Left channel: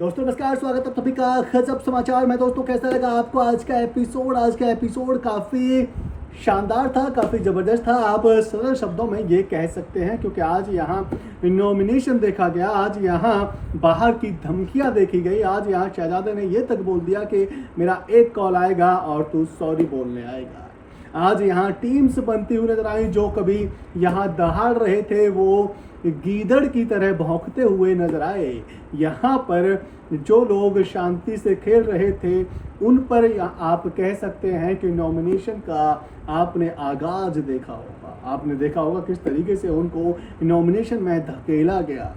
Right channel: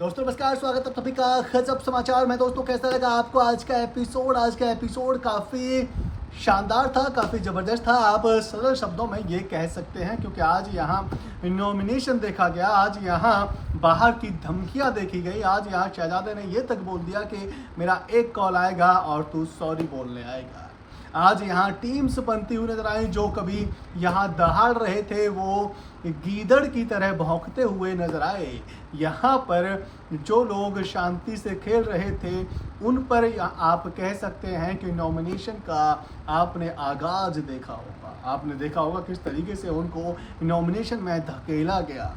दोस्तों नमस्कार, स्वागत है सभी का गजब समाचार में। दोस्तों कैसा लगा आपको आज का एपिसोड काफ़ी शानदार था, काफ़ी ज़बरदस्त था। आप सरल शब्दों में ये कह सकते हैं, क्योंकि आज यहाँ नॉमिनेशन देखा गया, आज यहाँ बाहर की धमकियाँ देखी गई, आज यहाँ शहजादे ने ये तक बोल दिया कि मेरा एक कॉल आएगा और तू सॉरी बोलने आएगा। आज यहाँ टीम्स बनती हुई नजर आई, जो कभी यहाँ दहाड़ रहे थे वो गीदड़ की तरह भौंकते हुए नजर आए। यहाँ पर जो लोग शांति से खेल रहे थे उन पर आप कह सकते हैं कि नॉमिनेशन का आपने आगाज देखा होगा। आपने देखा होगा किस तरीके से उनको नॉमिनेशन में धकेला गया।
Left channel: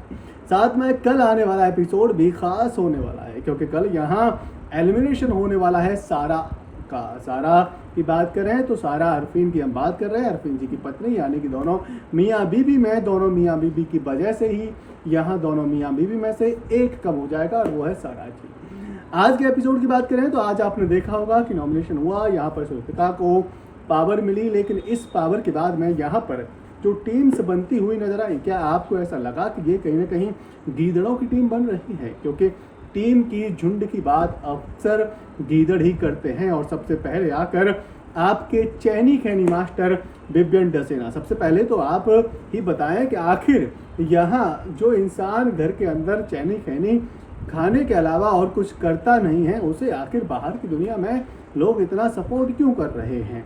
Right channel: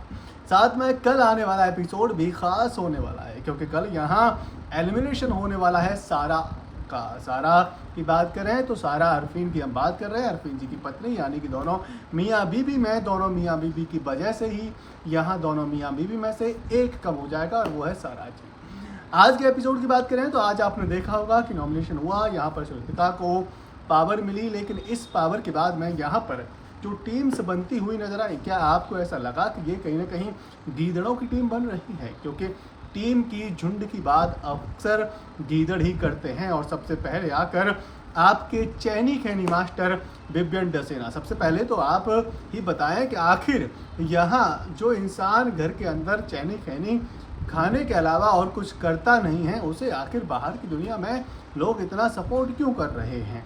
साथ में कल आने वाला एपिसोड भी खास होने वाला है, क्योंकि कल यहाँ एलिमिनेशन होने वाला है सारा की बात कर रहे हैं तो सारा अरफीन की हम बात कर रहे हैं, अरफीन जी की पत्नी, यानी कि दोनों मियाँ बीबी में, दोनों मियाँ बीबी की वजह से ही यहाँ दोनों मियाँ बीबी में से एक कम हो जाएगा और वो है सारा जी। आज के एपिसोड की बात करें तो आज आपने देखा होगा कि नॉमिनेशन हुआ, यहाँ पर श्वेता को पावर मिली, लेकिन इस पावर के बाद में यहाँ पर जो टीम्स बनती हुई नजर आई, क्या आपको ऐसा लगा कि ये कहीं ना कहीं गीदड़ों की टीम बन रही है? क्योंकि टीम की झुंड की बात अक्सर गीदड़ ही करते हैं और सबसे पहले आकर आपके चैनी खैनी मास्टर बिबियन डसेना। सबसे पहले तो आप ही बताएं कि आखिर यहाँ जो इंसान घर के अंदर चैनी खैनी खाने के अलावा और कुछ करता नहीं है, उसे आखिर बाहर की दुनिया में लोग इतना सपोर्ट क्यों कर रहे हैं?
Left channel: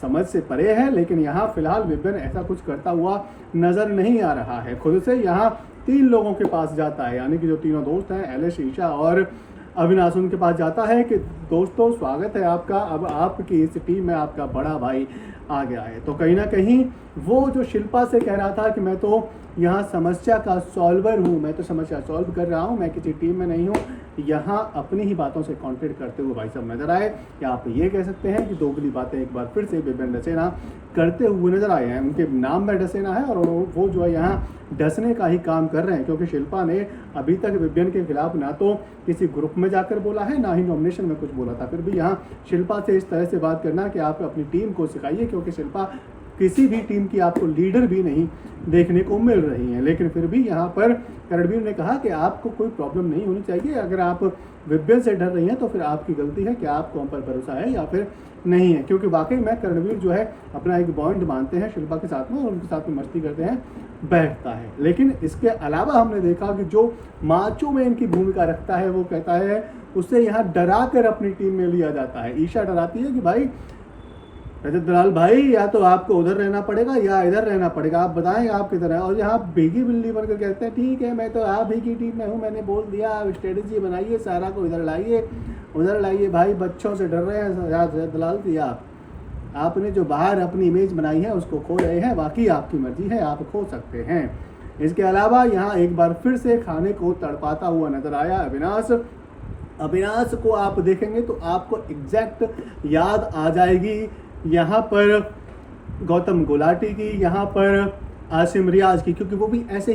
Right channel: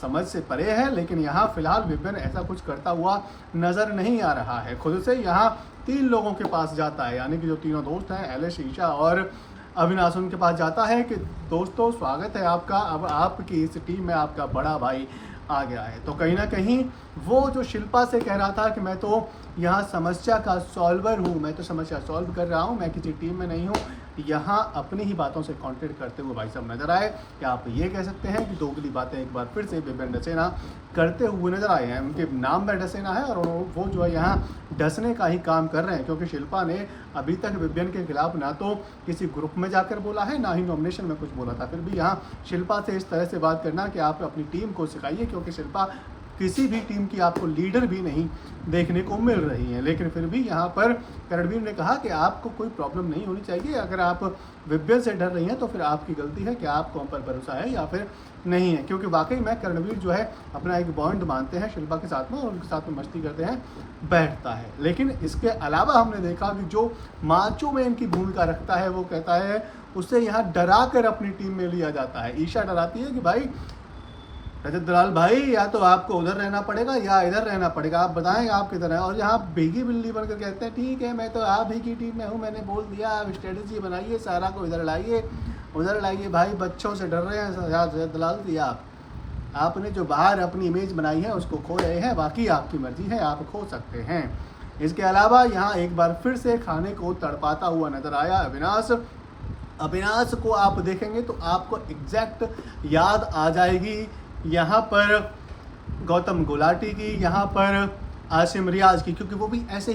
समझ से परे है, लेकिन यहाँ फिलहाल बिबियन ऐसा कुछ करता हुआ नजर नहीं आ रहा है। खुद से यहाँ 3 लोगों के पास जाता है, यानी कि जो तीनों दोस्त हैं, एलिश, ईशा और अविनाश, उनके पास जाता है कि दोस्तों स्वागत है आपका, अब आपकी इस टीम में आपका बड़ा भाई आ गया है। तो कहीं ना कहीं वो जो शिल्पा से कह रहा था कि मैं तो यहाँ समस्या का सॉल्वर हूँ, मैं तो समस्या सॉल्व कर रहा हूँ, मैं किसी टीम में नहीं हूँ, यहाँ अपनी ही बातों से कॉन्टेक्ट करते हुए भाई साहब नजर आए। या आप ये कह सकते हैं कि दोगली बातें एक बार फिर से बिबियन डसेना करते हुए नजर आए हैं। उनके नाम में डसेना है और वो जो है यहाँ डसने का ही काम कर रहे हैं, क्योंकि शिल्पा ने अभी तक बिबियन के खिलाफ ना तो किसी ग्रुप में जाकर बोला है, ना ही नॉमिनेशन में कुछ बोला था। फिर भी यहाँ शिल्पा से इस तरह से बात करना कि आप अपनी टीम को सिखाइए, क्योंकि शिल्पा किसी भी टीम की आपको लीडर भी नहीं देखने को मिल रही है। लेकिन फिर भी यहाँ पर करणवीर ने कहा कि आपको कोई प्रॉब्लम नहीं होनी चाहिए, अगर आप बिबियन से डर रही हैं तो फिर आपकी गलती है कि आपको हम पर भरोसा है या फिर नहीं है। क्योंकि वाकई में करणवीर जो है अपना एक बॉन्ड मानते हैं शिल्पा के साथ में और उनके साथ में मस्ती करते हैं, बैठता है। लेकिन इसके अलावा हमने देखा कि जो माचो में इनकी भूमिका रखता है, वो कहता है उसे यहाँ डरा कर अपनी टीम में लिया जाता है। ईशा डराती है कि भाई रजत दलाल भाई, या तो आपको उधर रहना पड़ेगा या इधर रहना पड़ेगा, आप बताएं आप किधर है। और यहाँ भीगी बिल्ली बनकर कहते हैं ठीक है मैं तो आप ही की टीम में हूँ, मैंने बोल दिया, आप स्ट्रेटेजी बनाइए, सारा को इधर लाइए उधर लाइए। भाई बच्चों से डर रहे हैं रजत दलाल जी, आपने जो बाहर अपनी इमेज बनाई है उसको खो रहे हैं, बाकी आपकी मर्जी है, आप खो सकते हैं। इसके अलावा यहाँ एक बार फिर से खाने को तड़पाता हुआ नजर आया अविनाश को आप देखेंगे तो आपको एग्जैक्ट याद आ जाएगी यहाँ पर गौतम गुलाटी की, यहाँ पर आसिम रियाज की, क्योंकि वो भी ऐसे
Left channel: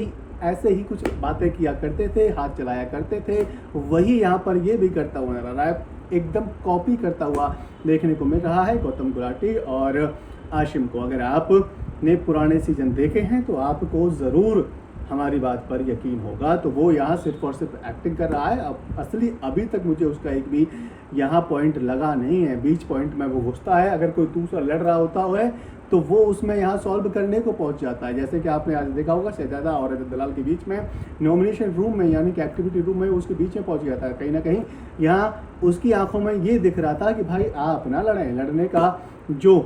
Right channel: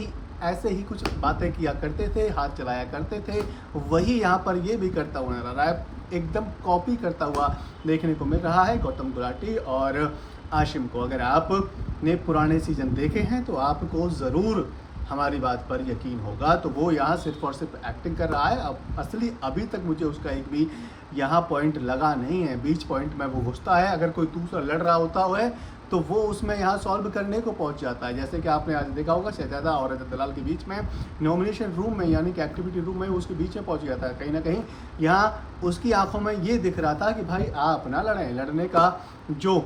ही कुछ बातें किया करते थे, हाथ चलाया करते थे। वही यहाँ पर ये भी करता हुआ नजर आ रहा है, एकदम कॉपी करता हुआ देखने को मिल रहा है गौतम गुलाटी और आशिम को। अगर आपने पुराने सीजन देखे हैं तो आपको ज़रूर हमारी बात पर यकीन होगा। तो वो यहाँ सिर्फ और सिर्फ एक्टिंग कर रहा है। अब असली अभी तक मुझे उसका एक भी यहाँ पॉइंट लगा नहीं है। बीच पॉइंट में वो घुसता है, अगर कोई दूसरा लड़ रहा होता है तो वो उसमें यहाँ सॉल्व करने को पहुँच जाता है। जैसे कि आपने आज देखा होगा शहजादा और रजत दलाल के बीच में नॉमिनेशन रूम में, यानी कि एक्टिविटी रूम में, उसके बीच में पहुँच जाता है। कहीं ना कहीं यहाँ उसकी आंखों में ये दिख रहा था कि भाई आप ना लड़ें, लड़ने का जो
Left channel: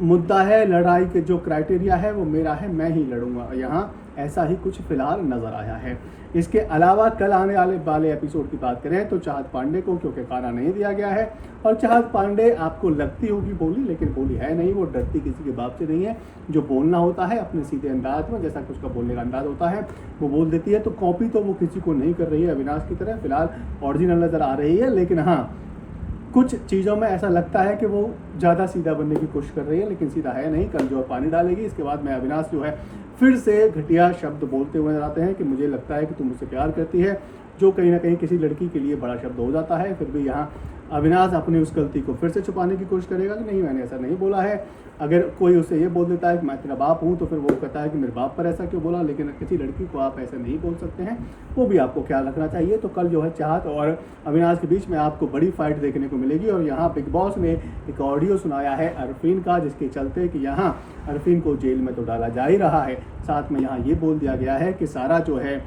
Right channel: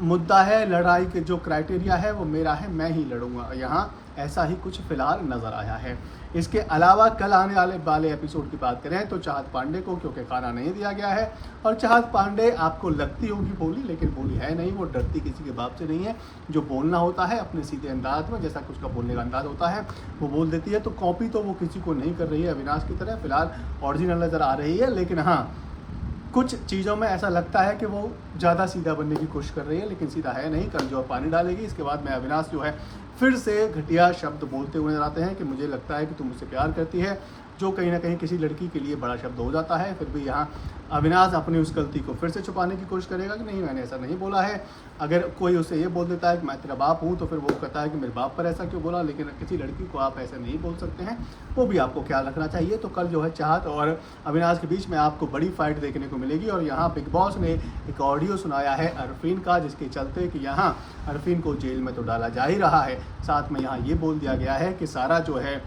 मुद्दा है, लड़ाई के जो क्राइटेरिया है वो मेरा है, मैं ही लड़ूंगा। यहाँ ऐसा ही कुछ फिलहाल नजर आया है। इसके अलावा कल आने वाले एपिसोड की बात करें तो चाहत पांडे को क्योंकि खाना नहीं दिया गया है, और चाहत पांडे आपको लगती होगी बोली, लेकिन बोली है नहीं, वो डरती किसी के बाप से नहीं है। जो बोलना होता है अपने सीधे अंदाज में, जैसा कि उसका बोलने का अंदाज होता है वो बोल देती है। तो कॉपी तो वो किसी को नहीं कर रही है अविनाश की तरह, फिलहाल ओरिजिनल नजर आ रही है। लेकिन हाँ, कुछ चीज़ों में ऐसा लगता है कि वो ज़्यादा सीधा बनने की कोशिश कर रही है, लेकिन सीधा है नहीं। कल जो पानी डालेगी इसके बाद में अविनाश जो है फिर से घटिया शब्द बोलते हुए नजर आते हैं कि मुझे लगता है कि तुम मुझसे प्यार करती है, जो कहीं ना कहीं किसी लड़की के लिए बड़ा शब्द हो जाता है। फिर भी यहाँ अविनाश अपनी उस गलती को फिर से छुपाने की कोशिश करेगा कि नहीं मैंने ऐसा नहीं बोला है। अगर कोई उसे ये बोल देता है कि मैं तेरा बाप हूँ तो फिर वो कहता है कि मेरे बाप पर ऐसा क्यों बोला, लेकिन किसी लड़की को आप ऐसा नहीं बोल सकते हैं, वो भी आपको ख्याल रखना चाहिए। तो कल जो है चाहत और अविनाश के बीच में आपको बड़ी फाइट देखने को मिलेगी और यहाँ बिग बॉस ने एक ऑडियो सुनाया है अरफीन का, जिसके चलते कि यहाँ अरफीन को जेल में तो डाला जा ही रहा है, साथ में यहाँ ये बोल दिया गया है कि सारा जो है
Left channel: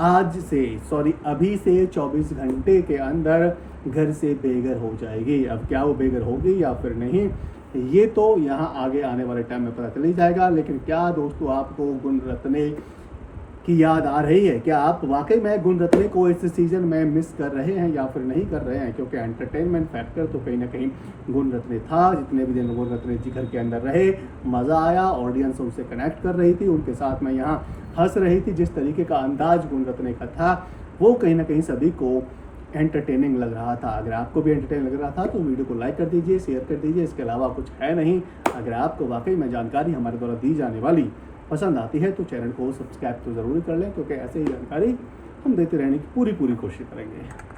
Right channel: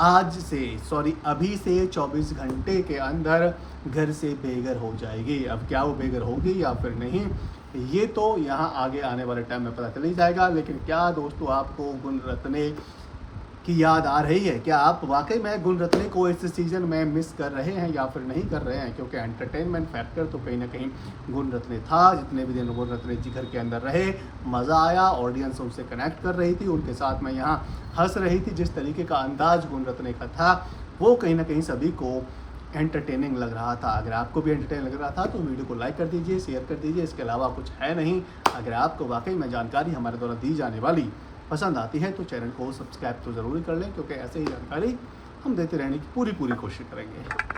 अभी से 24 घंटे के अंदर घर से बेघर हो जाएगी। अब क्या वो बेघर होगी या फिर नहीं, ये तो यहाँ आगे आने वाले टाइम में पता चल ही जाएगा। लेकिन क्या दोस्तों आपको गुणरत्ने की याद आ रही है? क्या आप वाकई में गुणरत्ने को इस सीजन में मिस कर रहे हैं या फिर नहीं कर रहे हैं? क्योंकि एंटरटेनमेंट फैक्टर तो कहीं ना कहीं गुणरत्ने था। जितने भी दिन गुणरत्ने जी घर के अंदर रहे मज़ा आया, ऑडियंस उनसे कनेक्ट कर रही थी, उनके साथ में यहाँ हंस रही थी। जिस तरीके का अंदाज गुणरत्ने का था वो कहीं ना कहीं सभी को एंटरटेनिंग लग रहा था। अगर आपको भी एंटरटेनिंग लग रहा था तो वीडियो को लाइक कर दीजिए, शेयर कर दीजिए, इसके अलावा कुछ है नहीं। अगर आपको वाकई में जानकारी हमारे द्वारा दी जाने वाली पसंद आती है तो चैनल को सब्सक्राइब तो ज़रूर कर लें, क्योंकि ऐसे ही जानकारी हम देते रहने की पूरी कोशिश करेंगे।